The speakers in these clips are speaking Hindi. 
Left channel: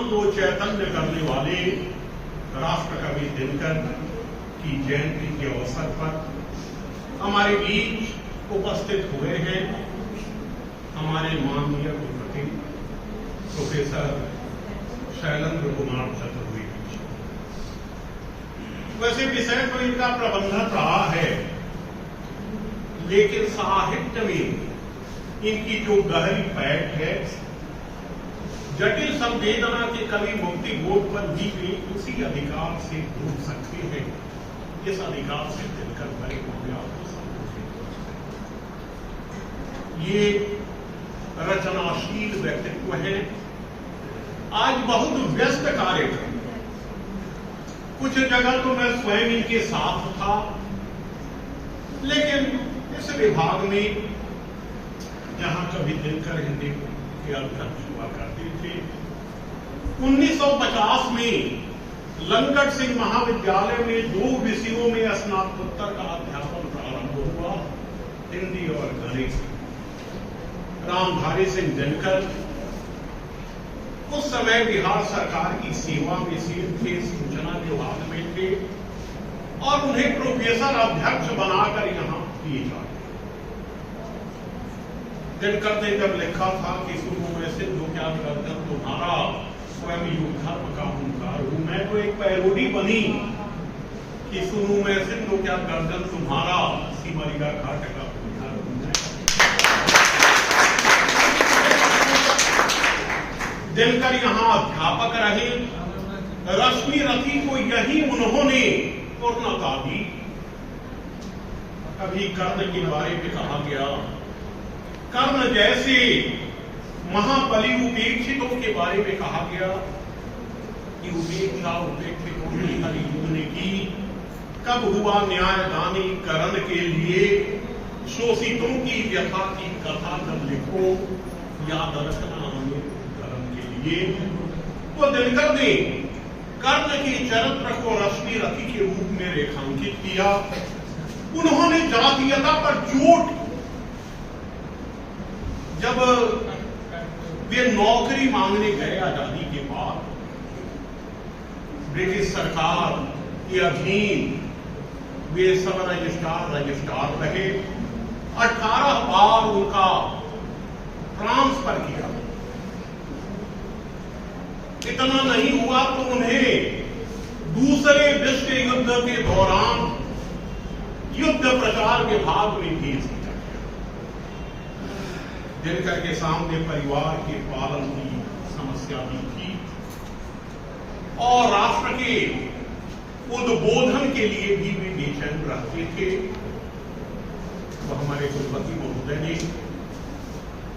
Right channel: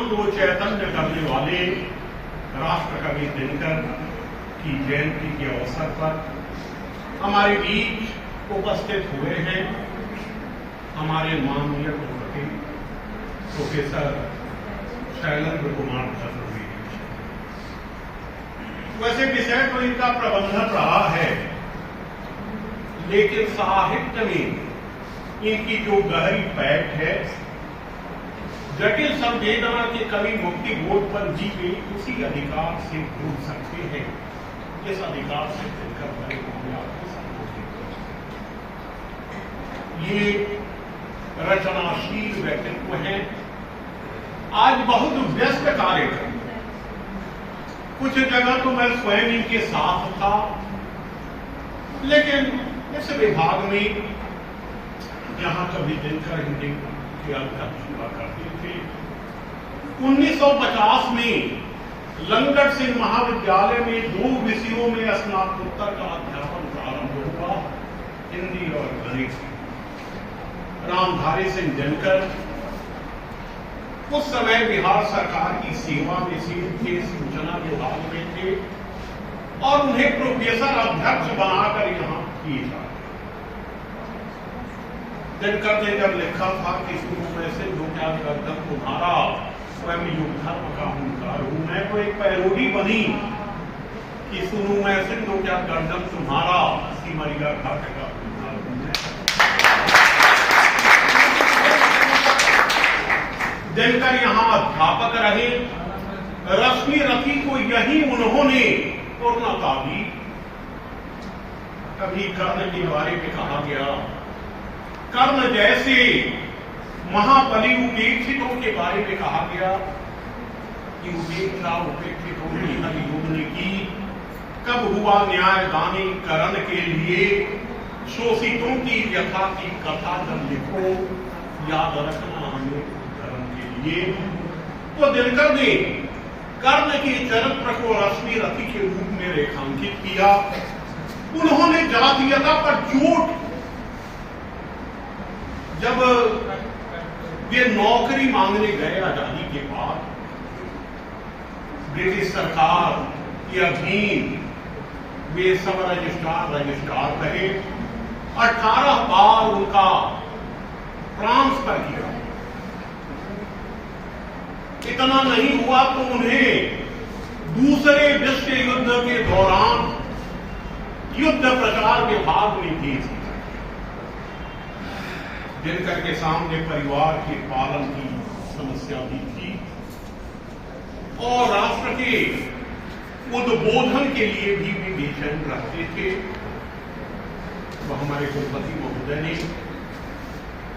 ज्ञान को चैतन्य करने वाले राष्ट्र कवि दिनकर की जयंती के अवसर पर हमारे बीच उपस्थित हुए हैं हमारे माननीय कुलपति प्रोफेसर शैलेंद्र कुमार चतुर्वेदी। वैसे विषय तो इनका प्रबंधन रहा है, लेकिन साहित्य में इनकी जो गहरी पैठ है, जटिल संवेदना के कवि मुक्ति बोध पर जी में उसी अधिकार से जुड़ सकते हैं जिस अधिकार से दिनकर बड़े कामयाब ये रचनाशील व्यक्तित्व है। आज बहुत व्यस्त कार्यक्रम, कुछ जगह तो मैं स्वयं इनके साथ था, लेकिन इस विभाग में जहां कभी दिनकर हिंदी के अध्यक्ष हुआ करते थे, 1950 में लंगट सिंह महाविद्यालय में 2 विषयों में स्नातकोत्तर का अध्यापन प्रारंभ हुआ, हिंदी और गणित। रामधारी सिंह दिनकर उस समय बिहार सरकार की सेवा में थे, सूचना विभाग में थे और उन्हें प्रोफेसर अध्यक्ष बनाकर यहां किया। दिनकर ने जब लिखा था कि शुरू में से दो क्या गर्दन तुम्हारा स्वयं युग धर्म का हुंकार हूं, मैं तो एक पैरोडी बनी कि सुनू मैं सिंधु क्या गर्दन तुम्हारा सिमरिया घाट का हुंकार हूं। दिनकर यहां अध्यापक रहे, रश्मि रथी को यही उन्होंने पूर्णता दी। कभी कर्ण के बारे में कहा गया, कर्ण जैसे महाबली उपेक्षितों के बारे में कहा गया कि उपेक्षा उपेक्षितों की हरियुग ने की। कब हुआ न्याय दानी करण के लिए, शोषितों की व्यथा की कथा जब लिखो, याद रखना हमें धर्म के लिए। तो दिनकर ने कर्ण के चरित्र को रश्मि रथी के रूप में रेखांकित किया। उन्होंने जातीयता पर चोट, जब वे नौकरी मांगने गए आजादी के बाद, ब्रिटिश सरकार के अधीन वे सब रजिस्ट्रार रहे। 18 बार उनका ट्रांसफर किया। इतना नहीं हुआ तो उन्हें दूसरे विश्व युद्ध के दौरान युद्ध प्रचार विभाग में भेज दिया। दिनकर के सामने परिवार के पालन की समस्या भी थी और राष्ट्र के उद्बोधन के लिए भी बेचैन रहते थे। तो हमारे कुलपति महोदय ने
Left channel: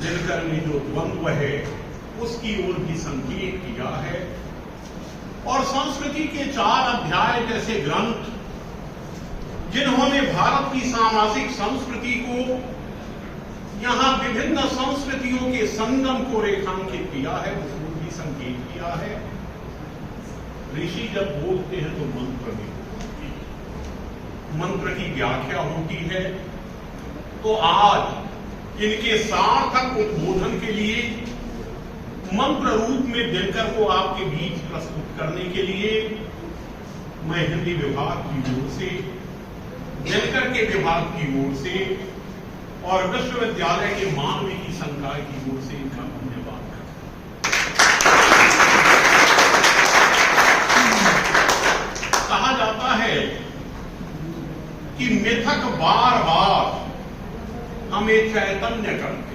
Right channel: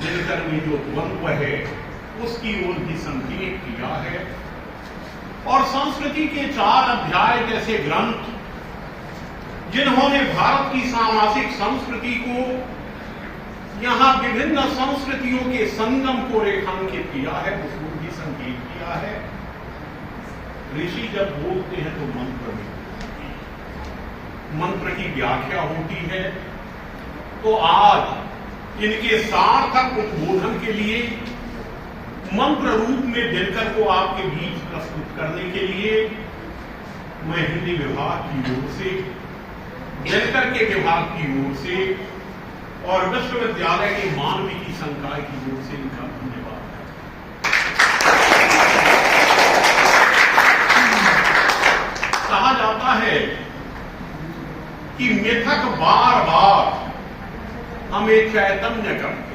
दिनकर में जो द्वंद्व है उसकी ओर भी संकेत किया है और संस्कृति के 4 अध्याय जैसे ग्रंथ, जिन्होंने भारत की सामाजिक संस्कृति को, यहां विभिन्न संस्कृतियों के संगम को रेखांकित किया है, उसको भी संकेत किया है। ऋषि जब बोलते हैं तो मंत्र की व्याख्या होती है। तो आज इनके सार्थक उद्बोधन के लिए मंत्र रूप में दिनकर को आपके बीच प्रस्तुत करने के लिए मैं हिंदी विभाग की ओर से, दिनकर के विभाग की ओर से और विश्वविद्यालय के मानविकी संकाय की ओर से इनका धन्यवाद है। कहा जाता है कि मिथक बार बार हमें चैतन्य करते।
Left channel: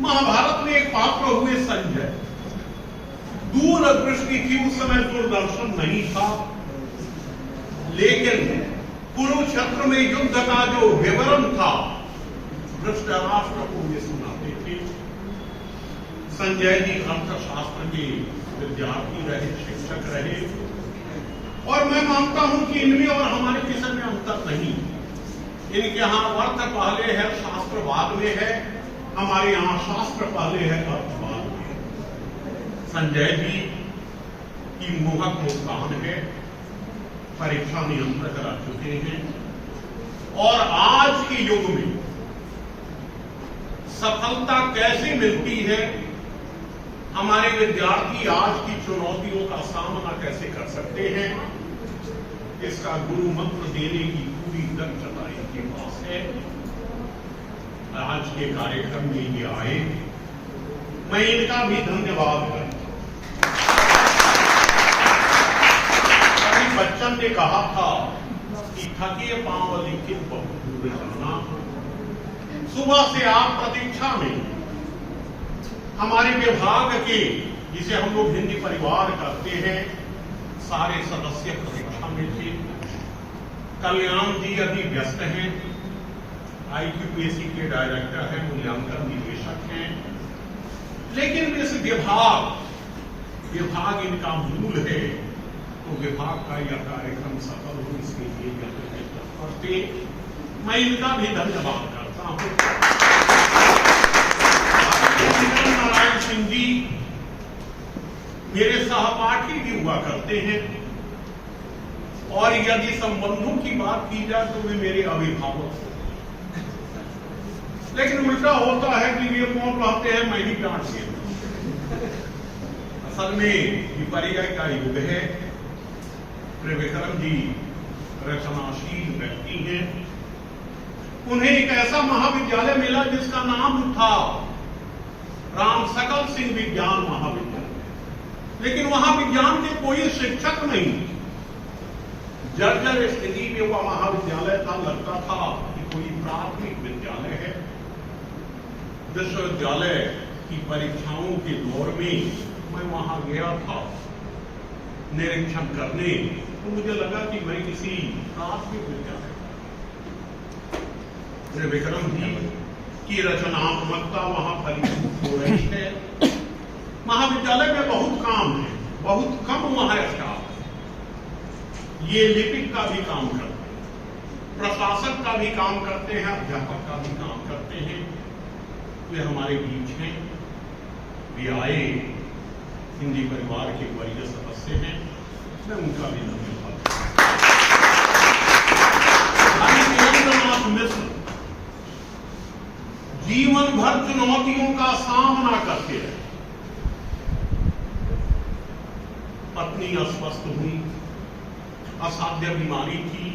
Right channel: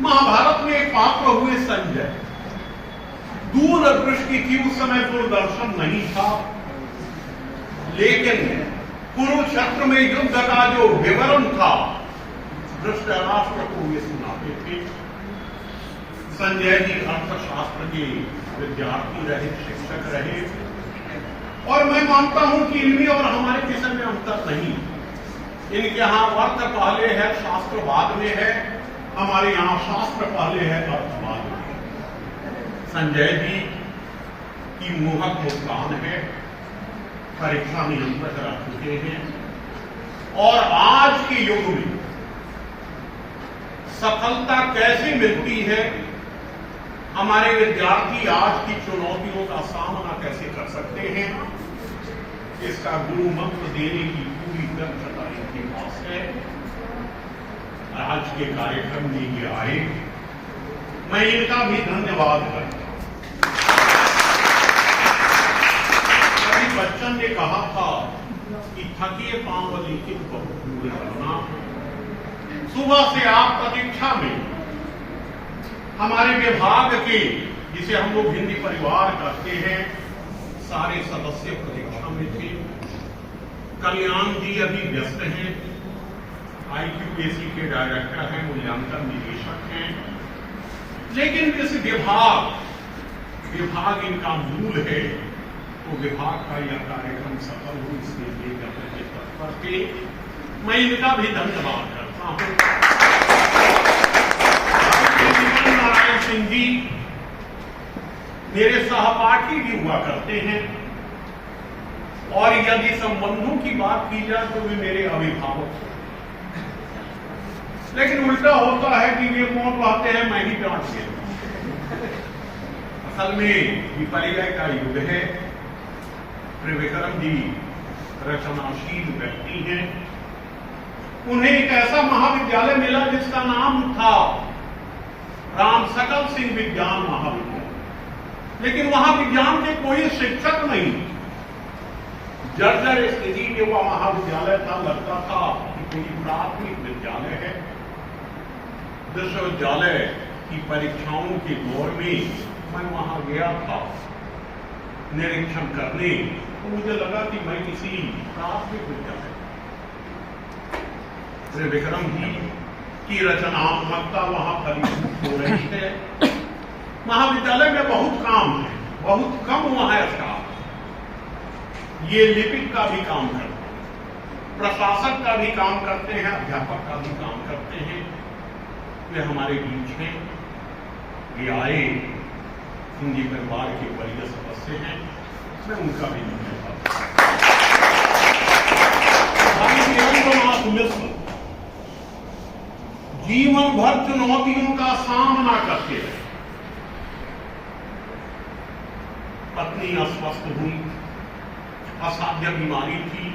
महाभारत में एक पात्र हुए संजय, दूरदृष्टि थी, उस समय दूरदर्शन नहीं था, लेकिन कुरुक्षेत्र में युद्ध का जो विवरण था धृतराष्ट्र को वे सुनाते थे। संजय जी अर्थशास्त्र के विद्यार्थी रहे, शिक्षक रहे और मैं मानता हूं कि इनमें और हमारे विषय में अंतर नहीं। इनके यहां अर्थ पहले है, शास्त्र बाद में है, हमारे यहां शास्त्र पहले है, अर्थ बाद में। संजय जी की मोहक मुस्कान है, परीक्षा नियंत्रक रह चुके हैं और आज के युग में सफलता कैसे मिलती है हमारे विद्यार्थी आज की चुनौतियों का सामना कैसे कर सकते हैं, इसका गुरु मंत्र देने की पूरी दक्षता इनके पास है। आज के कार्यक्रम में ये आए, मैं इनका भी धन्यवाद करता हूं। अभी बच्चन ने कहा था कि थके पांव लिखित बहुत दूर करना। सुबह से आप प्रतीक्षा में हमारे विभाग के, जिसे हम लोग हिंदी परिवार कहते हैं, सारे सदस्य प्रतीक्षा में थे। कल्याण जी अभी व्यस्त हैं, IQPSC के डायरेक्टर हैं, मूल्यांकन निदेशक हैं, लेकिन इस विभाग इनका मूल है, तो विभाग का यह कार्यक्रम सफल हो इसके लिए तत्पर थे। मैं इनका भी धन्यवाद करता हूं। नारायण सिंह जी मेरे सहपाठी भी हुआ करते हैं, और यदि संबंधों की बात की जाए तो वे मेरे अभिभावक हैं। लेकिन उल्टा होता है कि वे कौन कहते हैं, मैं ही डांट देता हूं। असल में विपर्य का युग है। त्रिविक्रम जी रचनाशील व्यक्ति हैं। उन्हें एक ऐसा महाविद्यालय मिला जिसका नाम था राम सकल सिंह विज्ञान महाविद्यालय, लेकिन वहां विज्ञान के कोई शिक्षक नहीं। जर्जर स्थिति में वह महाविद्यालय था, लगता था कि कोई प्राथमिक विद्यालय है। विश्वविद्यालय की परीक्षाओं के दौर में मैं वहां गया था निरीक्षण करने, तो मुझे लगा कि मैं किसी प्राथमिक विद्यालय, त्रिविक्रम जी की रचनात्मकता वहां फलीभूत हो रही है। महाविद्यालय में बहुत काम है, बहुत कम वहां स्टाफ। ये लिपिक का भी काम करते हैं, प्रशासक का भी काम करते हैं, अध्यापक का भी काम करते हैं। वे हमारे बीच में ये आए, हिंदी परिवार के वरीय सदस्य हैं, मैं उनका भी धन्यवाद करता हूं। वीरेंद्रनाथ मिश्र जीवन भर चुनौतियों का सामना करते रहे। पत्नी अस्वस्थ हुई, असाध्य बीमारी थी,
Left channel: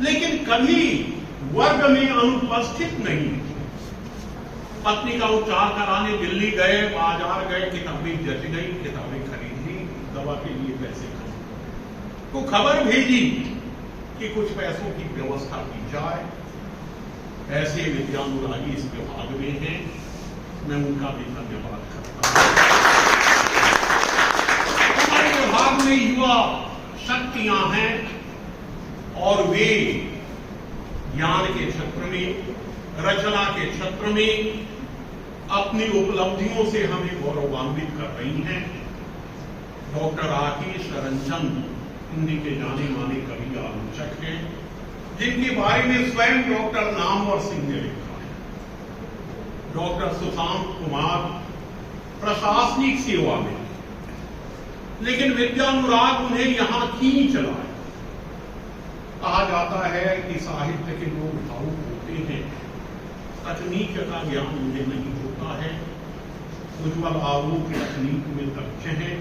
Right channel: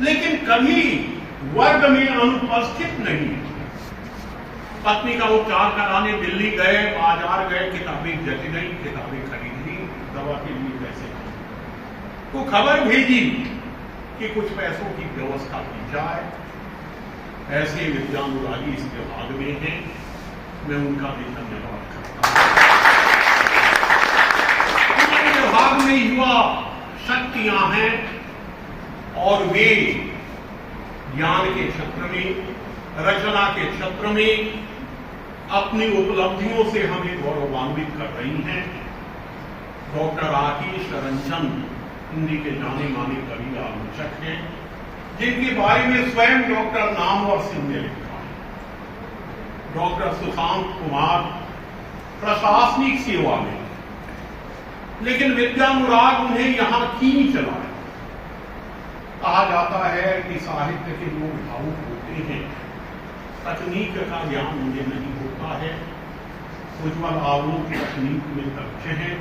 लेकिन कभी वर्ग में अनुपस्थित नहीं। पत्नी का उपचार कराने दिल्ली गए, बाजार गए, किताबें जच गई, किताबें खरीद ली, दवा के लिए पैसे तो खबर भेजी कि कुछ पैसों की व्यवस्था की जाए। ऐसे विद्यानुरागी इस विभाग में हैं, मैं उनका भी धन्यवाद करता हूं। हमारे विभाग में युवा शक्तियां हैं और वे ज्ञान के क्षेत्र में, रचना के क्षेत्र में अपनी उपलब्धियों से हमें गौरवान्वित कर रही हैं। डॉक्टर आशीष रंजन हिंदी के जाने माने कवि आलोचक हैं, जिनके बारे में स्वयं डॉक्टर नामवर सिंह ने लिखा है। डॉक्टर सुशांत कुमार प्रशासनिक सेवा में, लेकिन विद्यानुराग उन्हें यहां खींच लाए। कहा जाता है कि साहित्य के लोग भावुक होते हैं, तकनीक का ज्ञान उन्हें नहीं होता है। उज्ज्वल आलोक तकनीक में दक्ष हैं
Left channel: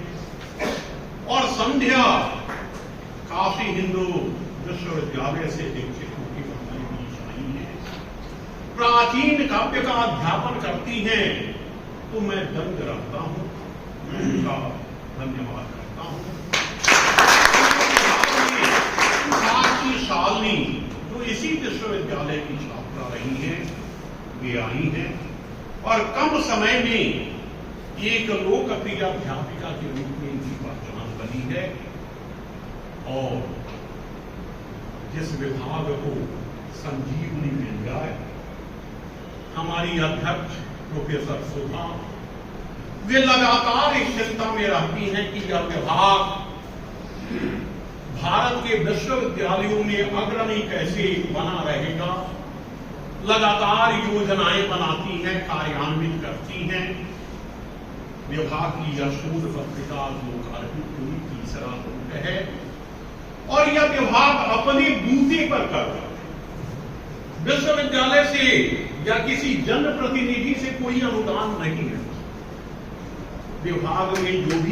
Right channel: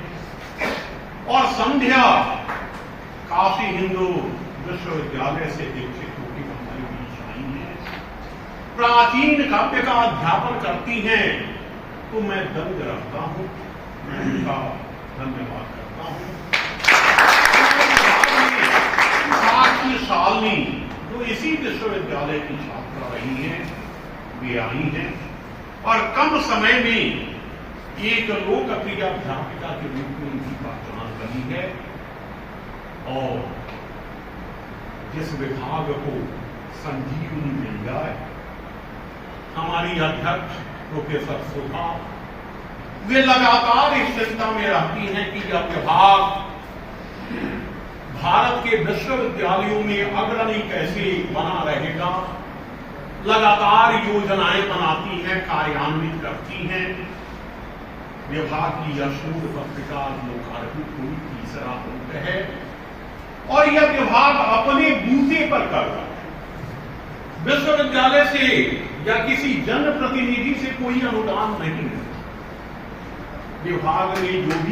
और संध्या काशी हिंदू विश्वविद्यालय से दीक्षित होकर हमारे बीच आई हैं। प्राचीन काव्य का अध्यापन करती हैं, तो मैं दंड रखता हूं, मैं उनका धन्यवाद करता हूं। साक्षी शालिनी जो इसी विश्वविद्यालय की छात्रा रही हैं, वे आई हैं और कम समय में एक लोकप्रिय अध्यापिका के रूप में उनकी पहचान बनी है। और जिस विभाग को संजीवनी मिल जाए, हमारी अध्यक्ष प्रोफेसर शोभा, वे लगातार इस चिंता में रहती हैं कि यह विभाग भारत के विश्वविद्यालयों में अग्रणी कैसे बना रहेगा। लगातार योजनाएं बनाती हैं, कार्यान्वित करती हैं। विभाग की यह शोध पत्रिका लोकार्पित हुई, तीसरा अंक है, और यह विभाग अपने बूते पर कर रहा है। विश्वविद्यालय से या किसी जनप्रतिनिधि से कोई अनुदान नहीं है। विभाग ने जो भी